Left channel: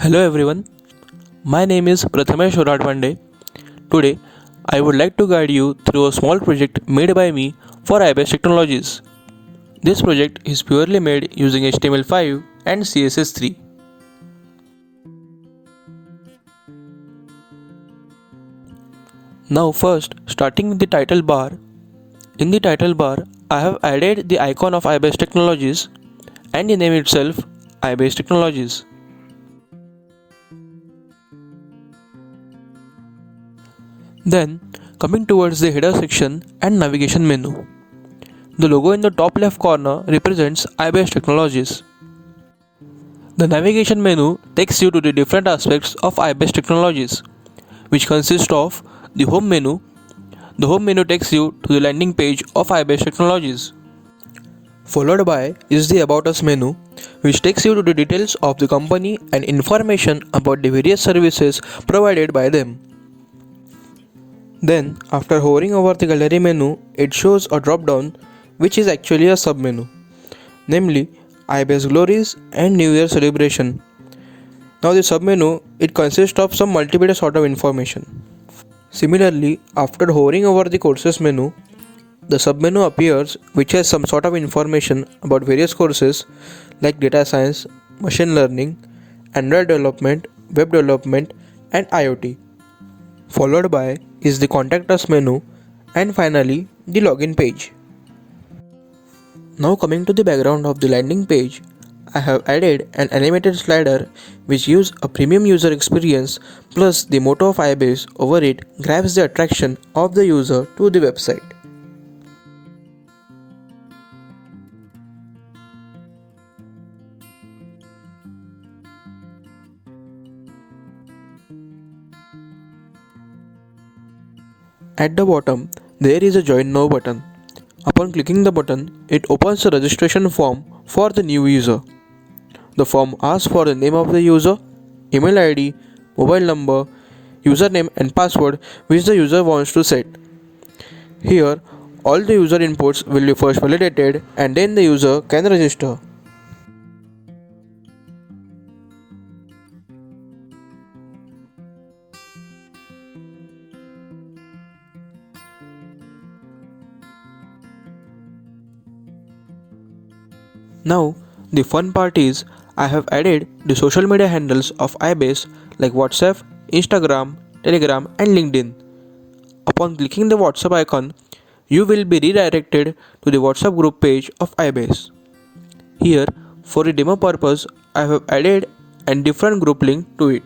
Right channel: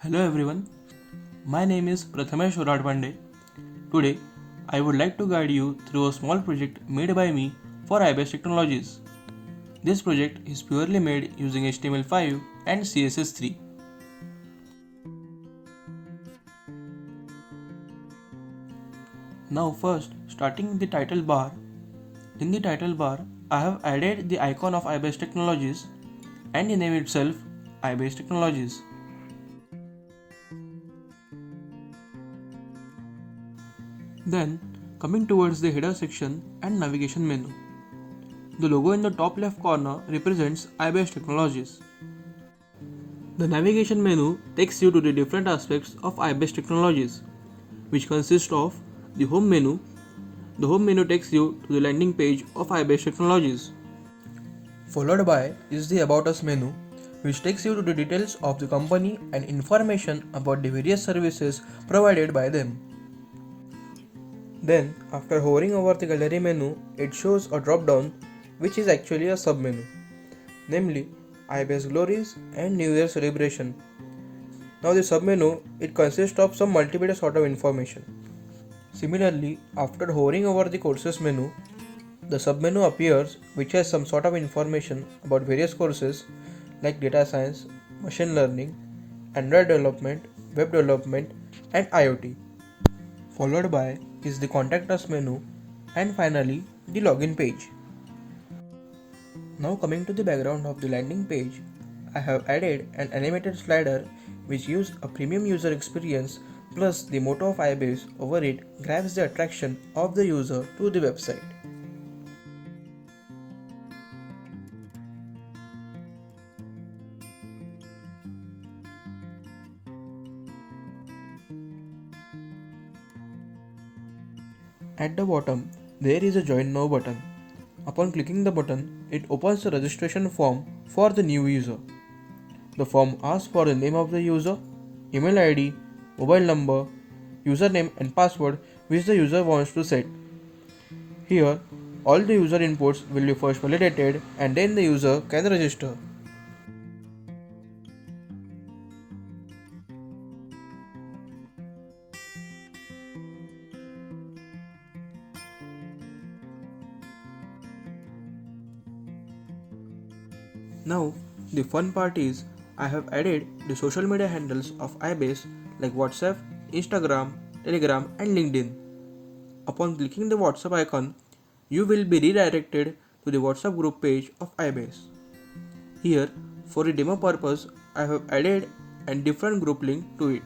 Hello everyone, my name is Prathamesh Oradpande. Today, I would like to guide you through a small project made by me for iBase Technologies. This project is purely made using HTML5 and CSS3. Now first, starting with the title bar. In the title bar, I have added the icon of iBase Technologies and the name itself, iBase Technologies. Then, coming towards the header section and navigation menu. The logo in the top left corner represents iBase Technologies. The navigation menu takes you to the different aspects of iBase Technologies, which consist of the home menu. The home menu takes you to the landing page of iBase Technologies. Followed by is the About Us menu, which takes you to the details of the company and information about the various services provided by them. Then, after hovering over the gallery menu, it shows a drop down which is actually a sub menu, namely iBase Glories and New Year Celebration. Now the sub menu, it consists of some multiple sort of information. Similarly, after hovering over the courses menu, the sub menu appears which has some sort of information about various courses like data science, machine learning, Android development, web development and IoT. Followed by is the contact us menu and finally the login page. Now coming to the background of the landing page, I have added an animated slider which gives a premium user experience, plus the motto of iBase over it grabs the attraction of the user to the website. At the bottom, there is a Join Now button. Upon clicking the button, it opens a registration form for the new user. The form asks for the name of the user, email ID, mobile number, username and password which the user wants to set. Here, all the user inputs will be first validated and then the user can register. Now, the fun part is I have added the social media handles of iBase like WhatsApp, Instagram, Telegram and LinkedIn. Upon clicking the WhatsApp icon, you will be redirected to the WhatsApp group page of iBase. Here, for the demo purpose, I have added a different group link to it.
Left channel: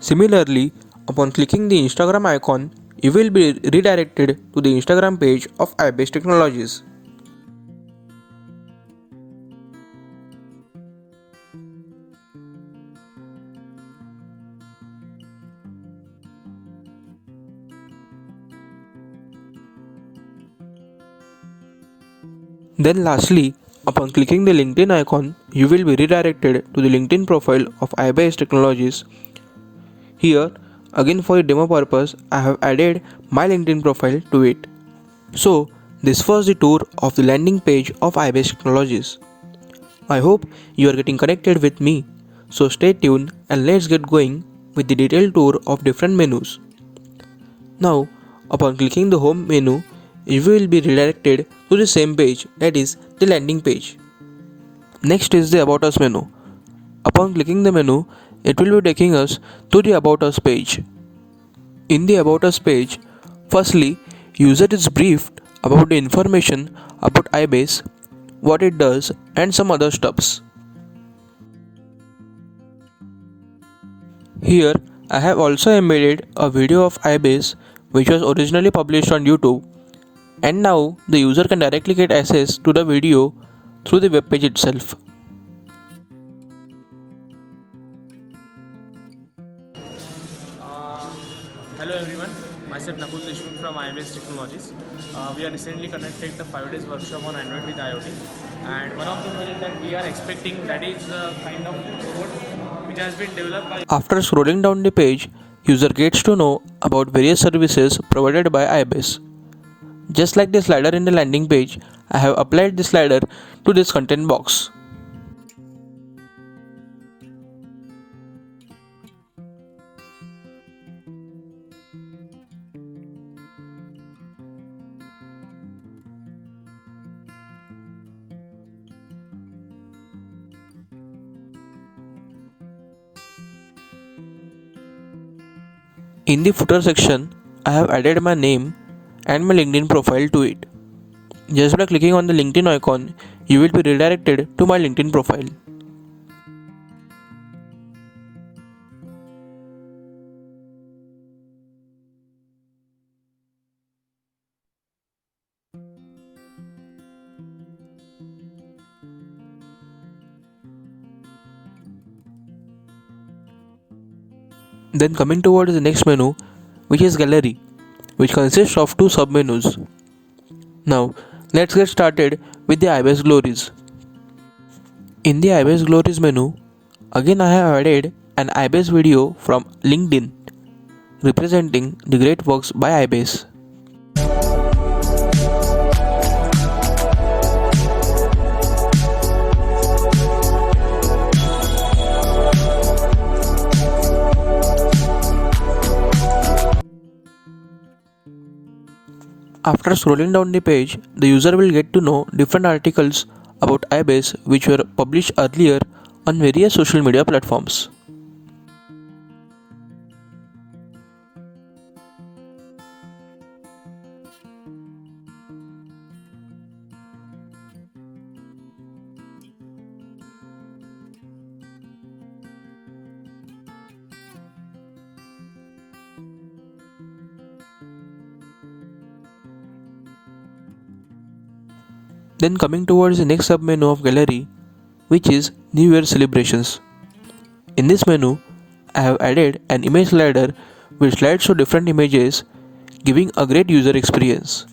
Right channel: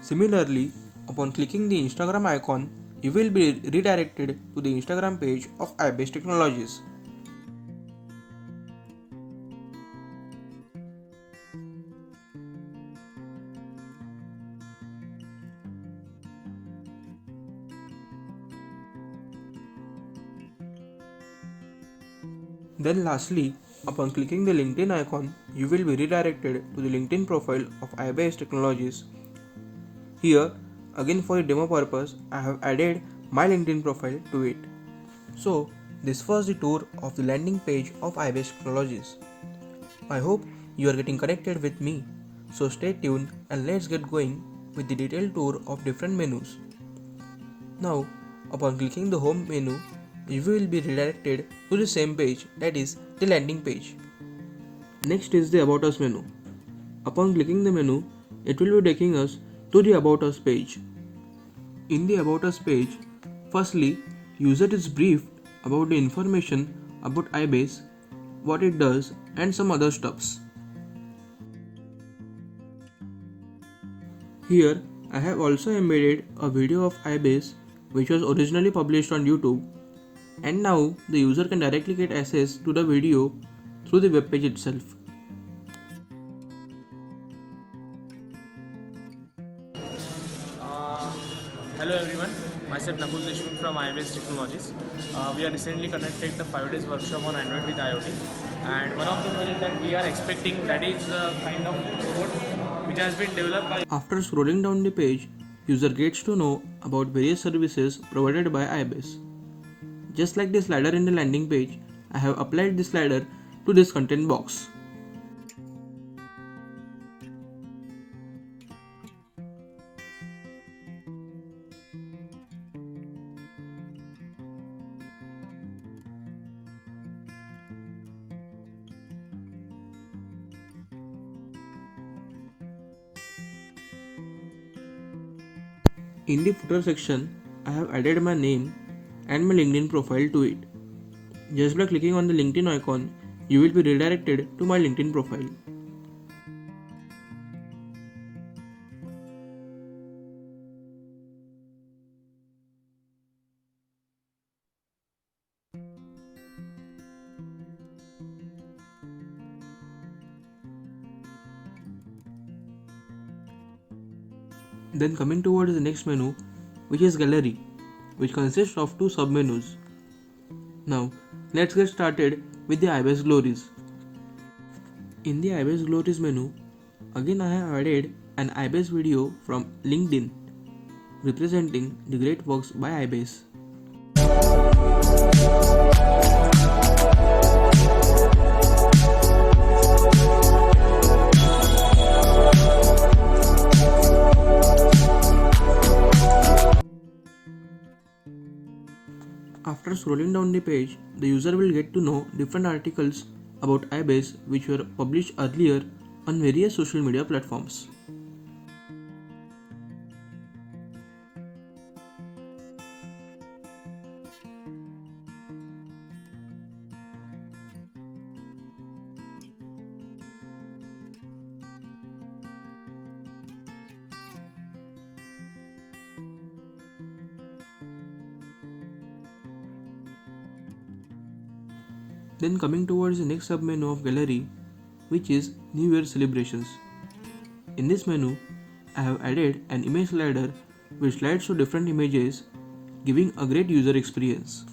Similarly, upon clicking the Instagram icon, you will be redirected to the Instagram page of iBase Technologies. Then lastly, upon clicking the LinkedIn icon, you will be redirected to the LinkedIn profile of iBase Technologies. Here, again for the demo purpose, I have added my LinkedIn profile to it. So, this was the tour of the landing page of iBase Technologies. I hope you are getting connected with me. So stay tuned and let's get going with the detailed tour of different menus. Now, upon clicking the home menu, you will be redirected to the same page, that is the landing page. Next is the About Us menu. Upon clicking the menu, it will be taking us to the About Us page. In the About Us page, firstly, user is briefed about the information about iBase, what it does and some other stuffs. Here, I have also embedded a video of iBase which was originally published on YouTube, and now the user can directly get access to the video through the web page itself. Hello everyone, myself Nakul Deshmukh from iBase Technologies. We are recently conducted the 5 days workshop on Android with IoT, and one of the projects that we are expecting, that is kind of robot which has been developed by. After scrolling down the page, user gets to know about various services provided by iBase. Just like the slider in the landing page, I have applied the slider to this content box. In the footer section, I have added my name and my LinkedIn profile to it. Just by clicking on the LinkedIn icon, you will be redirected to my LinkedIn profile. Then coming towards the next menu, which is Gallery, which consists of two submenus. Now, let's get started with the iBase Glories. In the iBase Glories menu, again I have added an iBase video from LinkedIn representing the great works by iBase. After scrolling down the page, the user will get to know different articles about iBase which were published earlier on various social media platforms. Then coming towards the next submenu of Gallery, which is New Year celebrations. In this menu, I have added an image slider which slides to different images, giving a great user experience.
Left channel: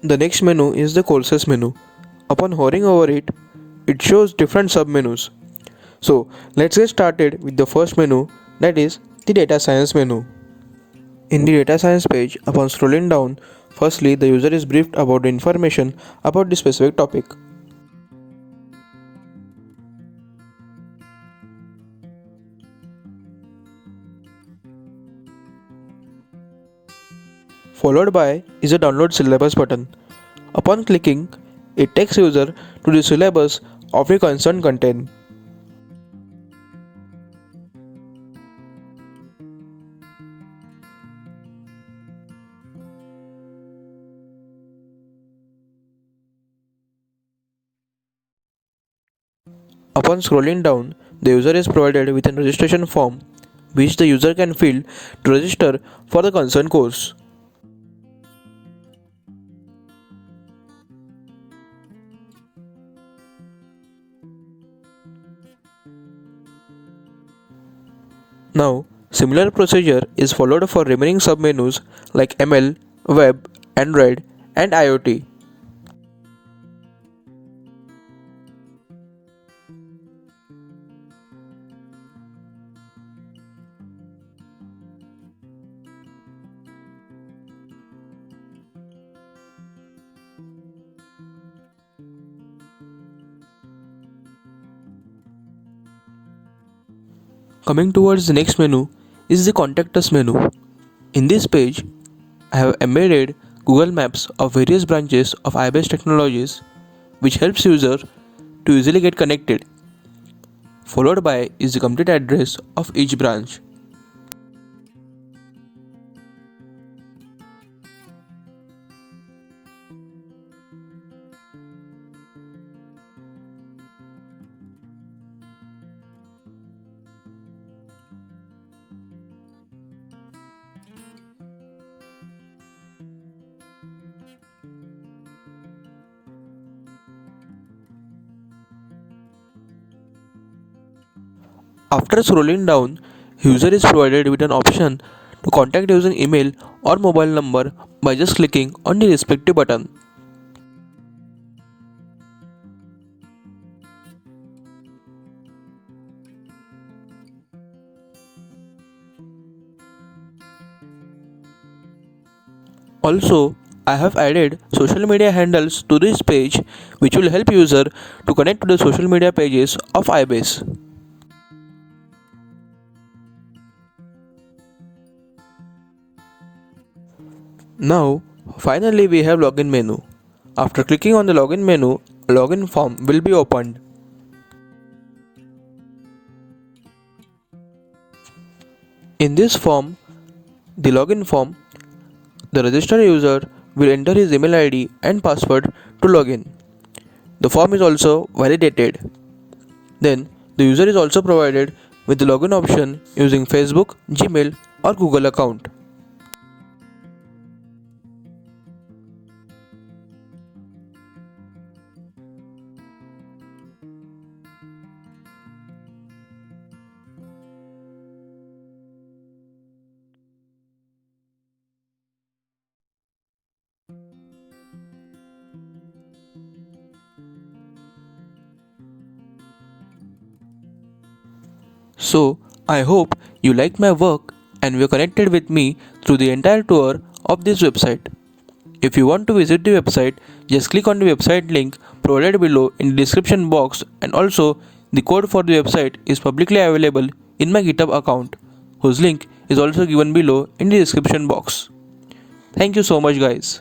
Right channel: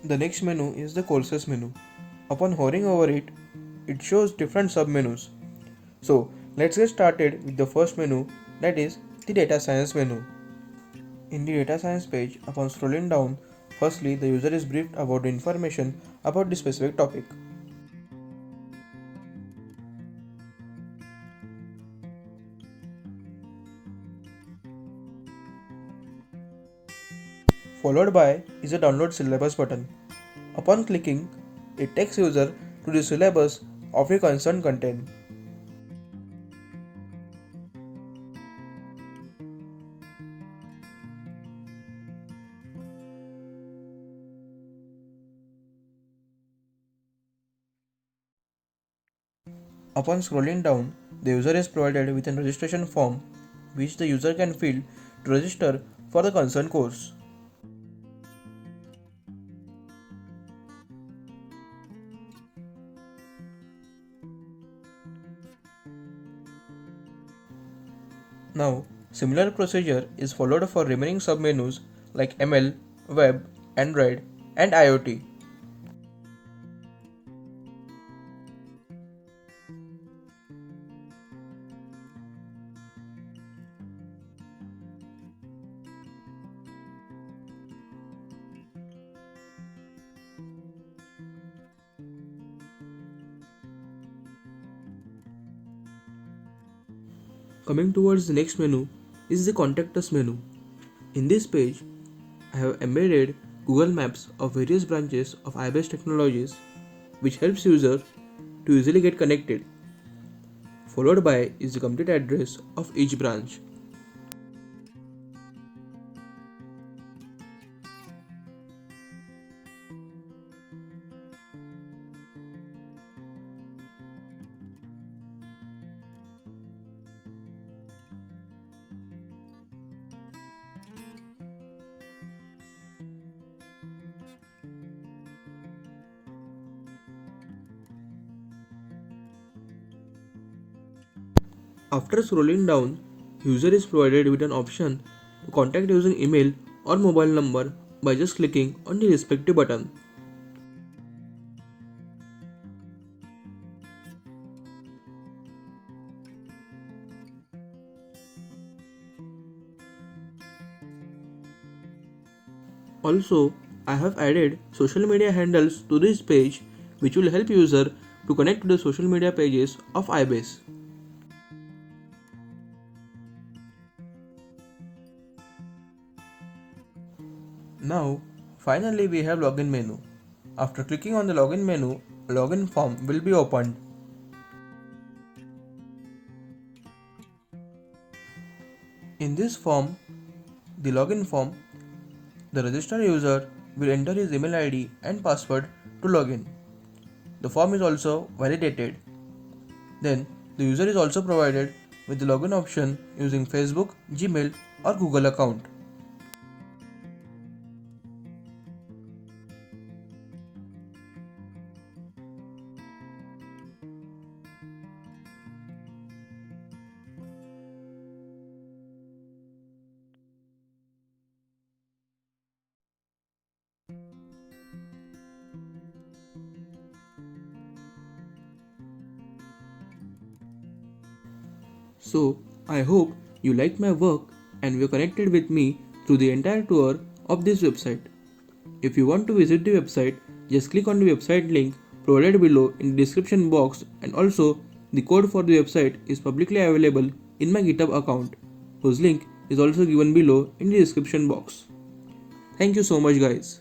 The next menu is the courses menu. Upon hovering over it, it shows different submenus. So let's get started with the first menu, that is the data science menu. In the data science page, upon scrolling down, firstly the user is briefed about the information about the specific topic. Followed by is a download syllabus button. Upon clicking, it takes user to the syllabus of the concerned content. Upon scrolling down, the user is provided with a registration form which the user can fill to register for the concerned course. Now, similar procedure is followed for remaining submenus like ML, Web, Android, and IoT. Coming towards the next menu is the Contact Us menu. In this page, I have embedded Google Maps of various branches of iBase Technologies which helps user to easily get connected. Followed by is the complete address of each branch. After scrolling down, user is provided with an option to contact using email or mobile number by just clicking on the respective button. Also, I have added social media handles to this page which will help user to connect to the social media pages of iBase. Now, finally we have login menu. After clicking on the login menu, a login form will be opened. In this form, the login form, the registered user will enter his email ID and password to login. The form is also validated. Then, the user is also provided with the login option using Facebook, Gmail, or Google account. So, I hope you liked my work and were connected with me through the entire tour of this website. If you want to visit the website, just click on the website link provided below in the description box, and also the code for the website is publicly available in my GitHub account, whose link is also given below in the description box. Thank you so much, guys.